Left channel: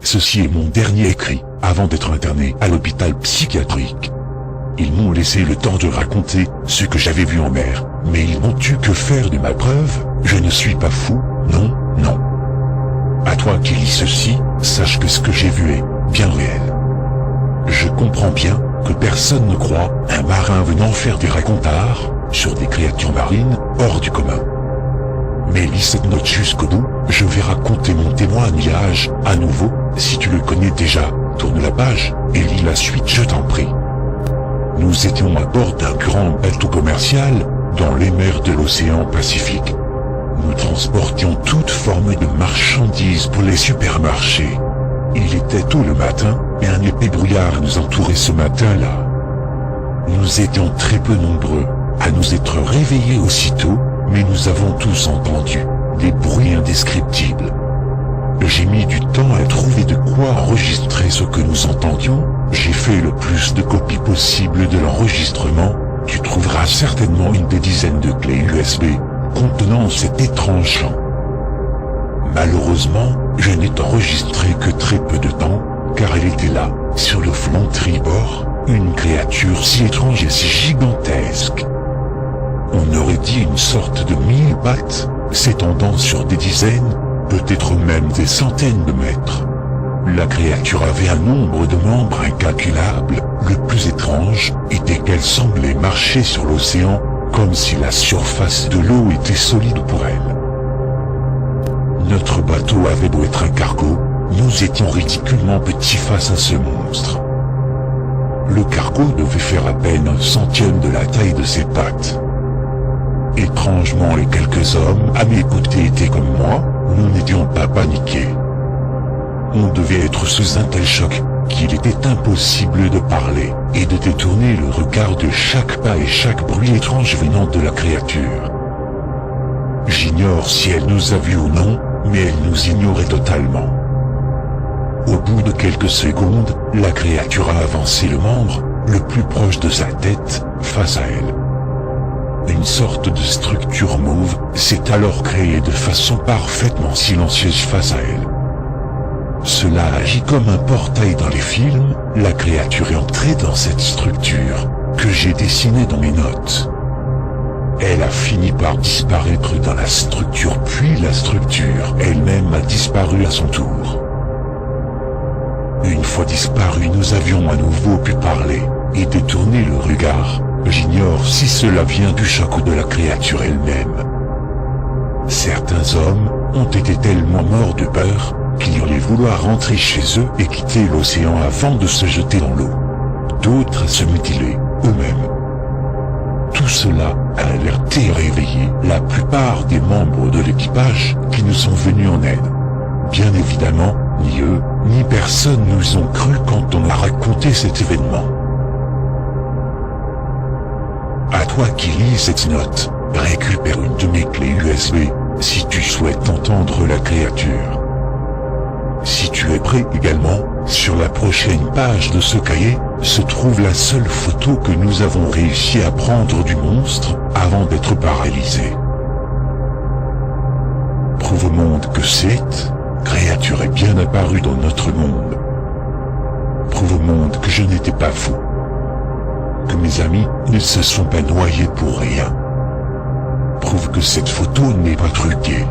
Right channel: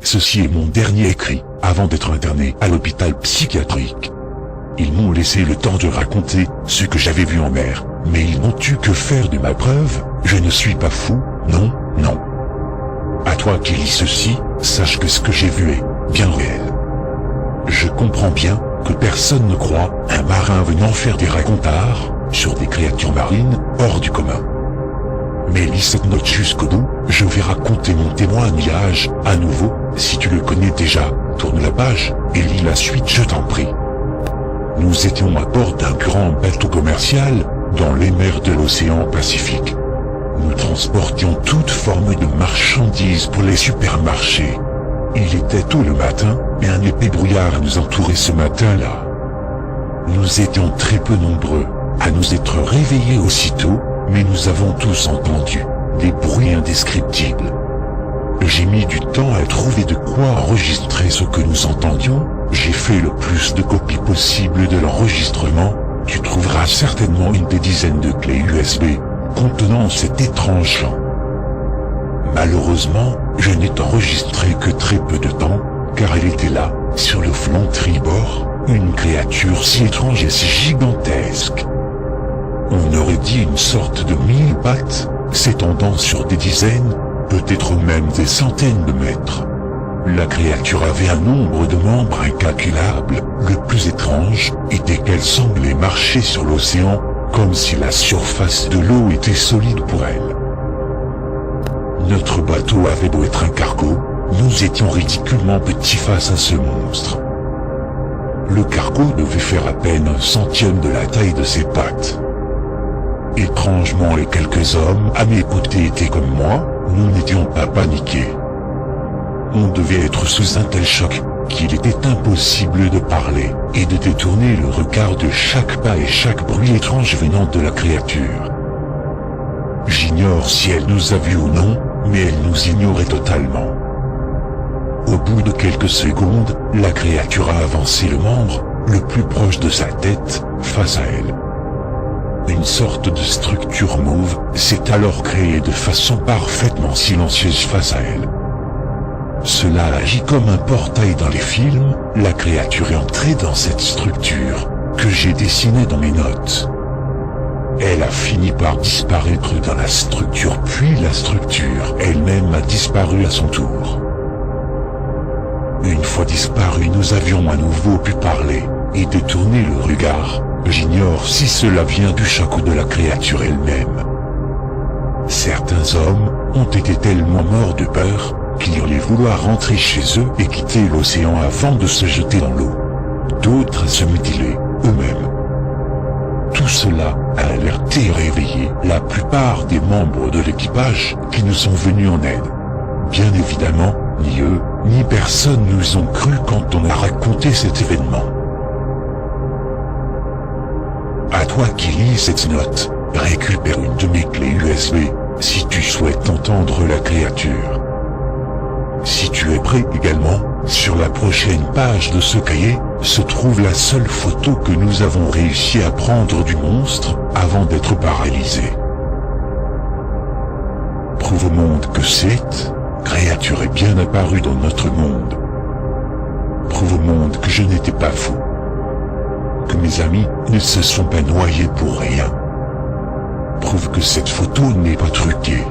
Ceci est mon dernier écrit, avant d'être interné à l'hôpital psychiatrique. Ils m'ont laissé le temps de raconter ce que j'avais vu en mer, mais ils n'ont eu que faire de ma preuve. Je ne suis pas fou, non, non. À toi qui lis ceci, sache que ce que j'ai vu est bien réel. Je comprends bien que personne ne croit un marin venant faire des racontars sur des créatures marines hors du commun. Mais lis cette note jusqu'au bout, je vais raconter mon témoignage à nouveau. Si tu le connais déjà, tourne la page et lis la suite, je t'en prie. Nous étions à bord d'un grand bateau commercial dans les mers de l'océan Pacifique. Nous transportions toute forme de marchandises pour les supermarchés. Il était tôt le matin, et un épais brouillard nous entourait ce matin-là. Nous étions très peu nombreux à nous être réveillés aussitôt, mais nous avons tous entendu des bruits indescriptibles. J'ai mis du temps à trouver de quoi enregistrer ce que nous entendions. J'ai fait le plus de copies possible de l'enregistrement. Tu trouveras certainement une des dizaines de clés USB contenant cet étrange chant. Malheureusement, je n'ai enregistré que très peu de temps, car elle était là, sur le flanc tribord, une créature si étrange et si gigantesque. On aurait dit une sorte de mille-pattes, s'étendant sur des dizaines, peut-être même des centaines de mètres. La créature avait un nombre de membres incalculable. Le plus étrange était qu'elle semblait marcher sur l'océan, comme si la surface de l'eau était solide pour elle. Notre bateau avait beau être un cargo, nous étions ridiculement petits face à ce monstre. Le cargo devait faire à peine 1/100 de la taille de ses pattes. Étrangement, les quelques hommes à mes côtés étaient comme moi, nous n'étions pas paniqués. On devait être sous un tel choc qu'il était impossible de parler et de détourner le regard de chaque pas et chaque bruit étrange venant de la créature. J'ignore si elle nous a vus ou non, mais elle nous ignorait totalement. Au bout de quelques secondes, la créature a avancé le membre le plus proche de sa tête, face à elle. Une sorte de structure mauve s'est alors créée de façon parfaitement silencieuse face à elle. Cela agit comme un portail dans les films. La créature est entrée dans cette structure, que j'ai dessinée dans mes notes. Elle a fini par disparaître dans la structure, puis la structure elle-même a disparu à son tour. Une fois disparue, nous avions à nouveau pu parler, et détourner le regard. J'ignore si cela vient du choc ou de la créature elle-même. Certains hommes ont été tellement morts de peur, qu'ils allaient vouloir rentrer chez eux et quitter l'océan avant de se jeter dans l'eau. D'autres se mutilaient eux-mêmes. Tout cela a alerté et réveillé la plupart des membres de l'équipage qui nous sont venus en aide. Bien évidemment, ni eux, ni personne nous ont cru quand on a raconté cet événement. À toi qui lis cette note, récupère une de mes clés USB, si tu souhaites entendre la créature. Si tu es prêt également, sur la prochaine page de ce cahier, se trouve la seule photo que nous avons réussi à prendre du monstre, avant d'être paralysés. Prouve au monde que cette créature est bien apparue dans notre monde. Prouve au monde que je n'étais pas fou. Que mes amis ne se sont pas noyés pour rien. Prouve que cette photo n'est pas truquée.